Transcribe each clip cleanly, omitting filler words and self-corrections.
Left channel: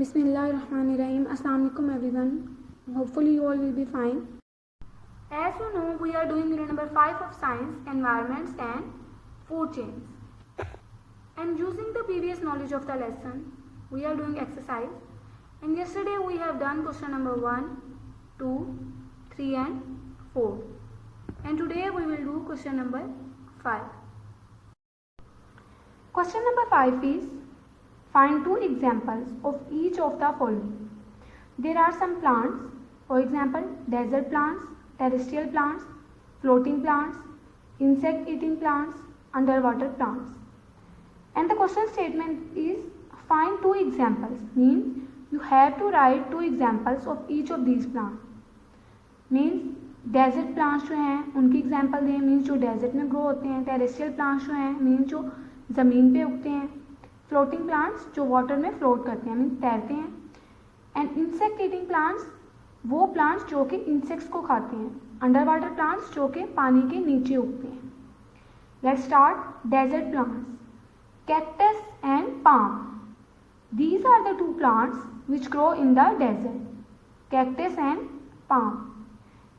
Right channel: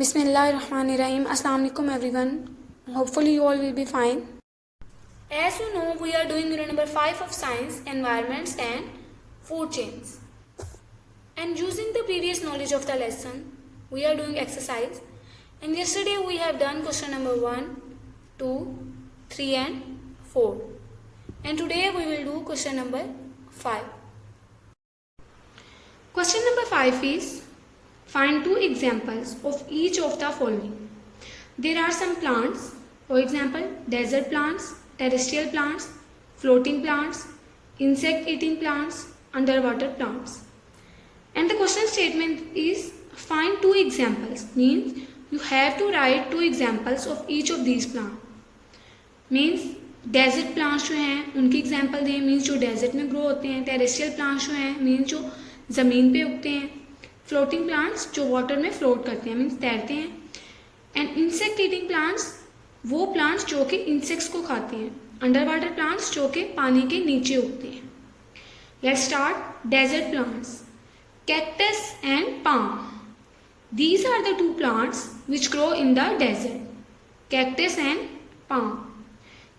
Bismillahirrahmanirrahim. Assalamu alaikum everyone. Hopefully you all will be fine. As you know, we are doing unit number 5 of science, environments and food chains. And using the previous knowledge of the lesson, we are doing exercise. And yesterday we have done question number 1, 2, 3 and 4. And today we will do question number 5. Question number 5 is, find 2 examples of each of the following. There are some plants, for example, desert plants, terrestrial plants, floating plants, insect-eating plants, underwater plants. And the question statement is, find 2 examples, means you have to write 2 examples of each of these plants. Means desert plants जो हैं उनकी example दें, means जो desert में grow होते हैं. Terrestrial plants जो हैं मीन्स जो ज़मीन पे उगते हैं. फ्लोटिंग प्लांट्स जो वाटर में फ्लोट करते हैं, मीन्स तैरते हैं. एंड इंसेक्ट ईटिंग प्लांट्स वो प्लांट्स जो कि इंसेक्ट्स को खाते हैं. अंडर वाटर प्लांट्स जो कि पानी के नीचे उगते हैं. Let's start. Desert plants, cactus and palm. These are the 2 plants which grow in the desert, cactus and palm.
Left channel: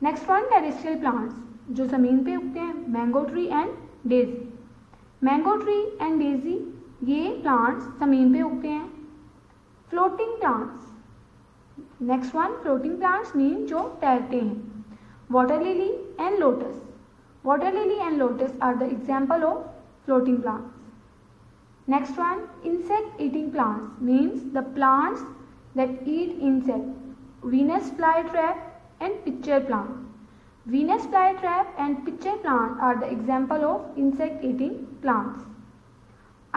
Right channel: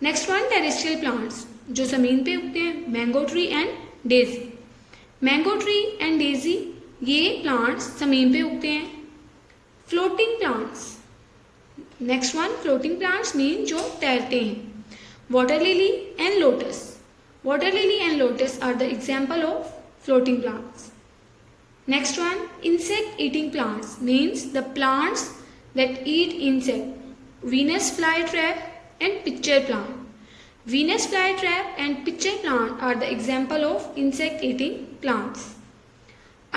Next one, terrestrial plants जो ज़मीन पे उगते हैं, mango tree and daisy. Mango tree and daisy ये plants ज़मीन पे उगते हैं. Floating plants, next one, floating plants mean जो तैरते हैं, water lily and lotus. Water lily and lotus are the example of floating plants. Next one, insect eating plants means the plants that eat insect. Venus fly trap and pitcher plant. Venus flytrap and pitcher plant are the example of insect eating plants.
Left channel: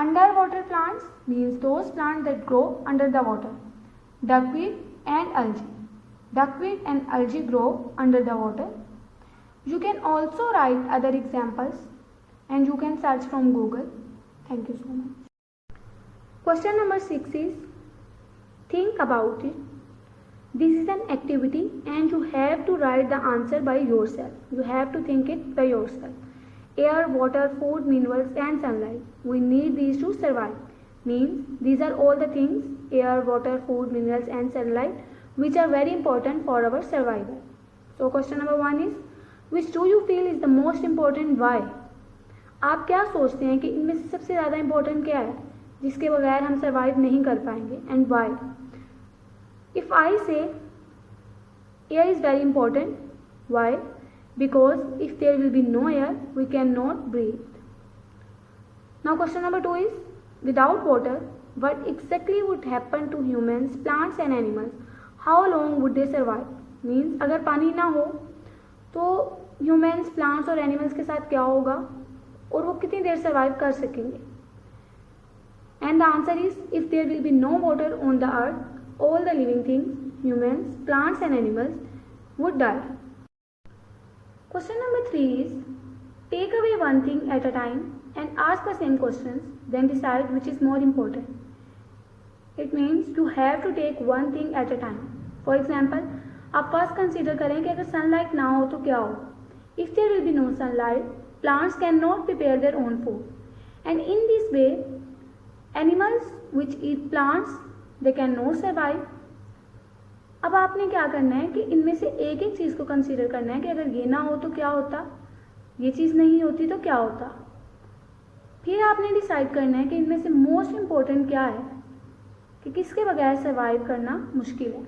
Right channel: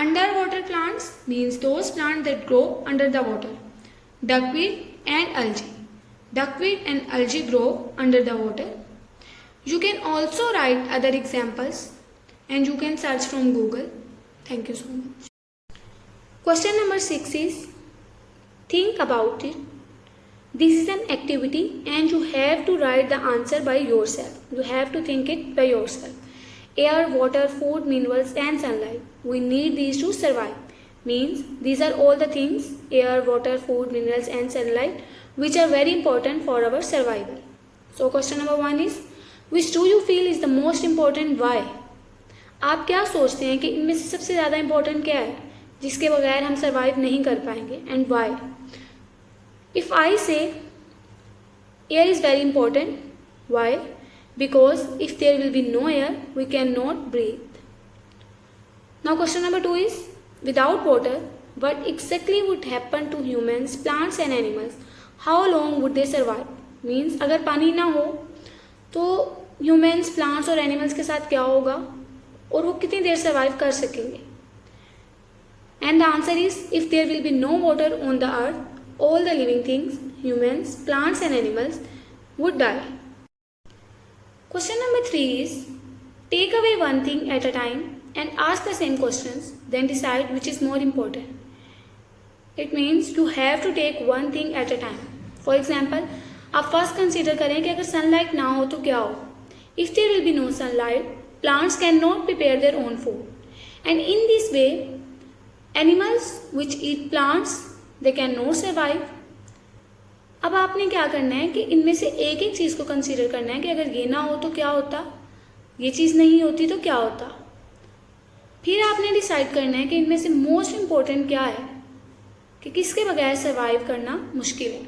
Underwater plants means those plants that grow under the water. Duckweed and algae. Duckweed and algae grow under the water. You can also write other examples and you can search from Google. Thank you so much. Question number 6 is, think about it. This is an activity and you have to write the answer by yourself. You have to think it by yourself. Air, water, food, minerals and sunlight. We need these to survive. Means these are all the things, air, water, food, minerals and sunlight, which are very important for our survival. So question number 1 is, which do you feel is the most important? Why? आप क्या सोचते हैं कि इनमें से सबसे ज़्यादा important क्या है जिसके बगैर हम सर्वाइव नहीं कर पाएंगे, and why? If I say air is very important, why? Because if there will be no air, we cannot breathe. Now question number 2 is, without water, what exactly would happen to humans, plants and animals? How long would they survive? Means अगर पानी ना हो तो humans, plants और animals के साथ क्या होगा और वो कितनी देर survive कर सकेंगे? And the answer is, if there will be no water on the earth, all the living things, humans, plants and animals would die. Question number 3 is, take away one thing at a time and ask the same questions, then decide which is more important. It means you have to take one thing at a time. For example, आप first consider करें कि अगर sunlight ना हो तो क्या हो. If there will be no sunlight, plants cannot prepare their own food. And in this way, animals which eat plants, they cannot survive. अब आपने क्या करना है कि इनमें से एक एक चीज़ को कंसीडर करना है कि अगर ये ना हो तो क्या होता, ये चीज़ नहीं होती तो क्या होता. फिर आपने डिसाइड करना है कि इनमें से मोस्ट इम्पोर्टेंट क्या है, कि किसके बगैर सर्वाइव करना मुश्किल है.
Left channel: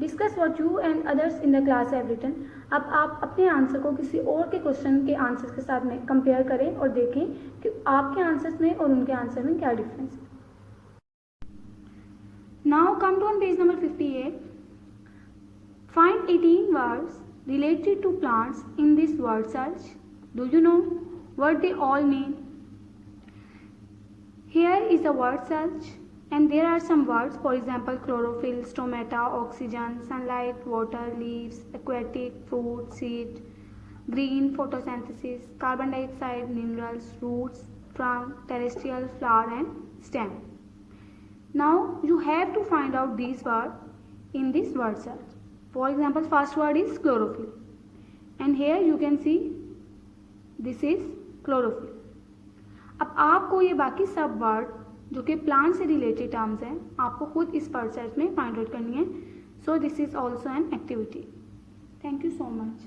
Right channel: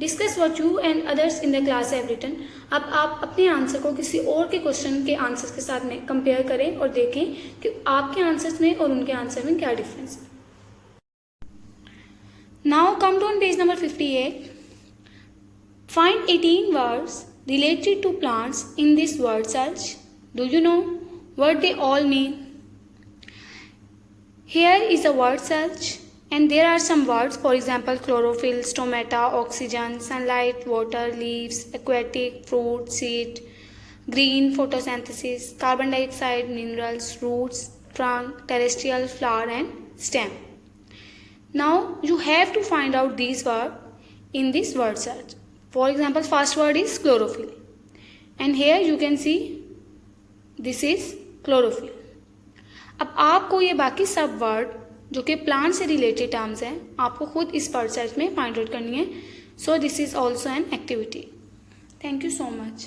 Discuss what you and others in the class have written. अब आप अपने आंसर को किसी और के क्वेश्चन के आंसर के साथ में कंपेयर करें और देखें कि आपके आंसर्स में और उनके आंसर में क्या डिफरेंस है. Now come to on page number 58. Find 18 words related to plants in this word search. Do you know what they all mean? Here is a word search and there are some words, for example, chlorophyll, stomata, oxygen, sunlight, water, leaves, aquatic, fruit, seed, green, photosynthesis, carbon dioxide, minerals, roots, trunk, terrestrial, flower and stem. Now you have to find out these words in this word search. For example, first word is chlorophyll and here you can see this is chlorophyll. अब आपको ये बाकी सब word जो कि plant से related terms हैं, आपको खुद इस पार्ट साइज में फाइंड आउट करनी है. So this is also an activity. Thank you so much.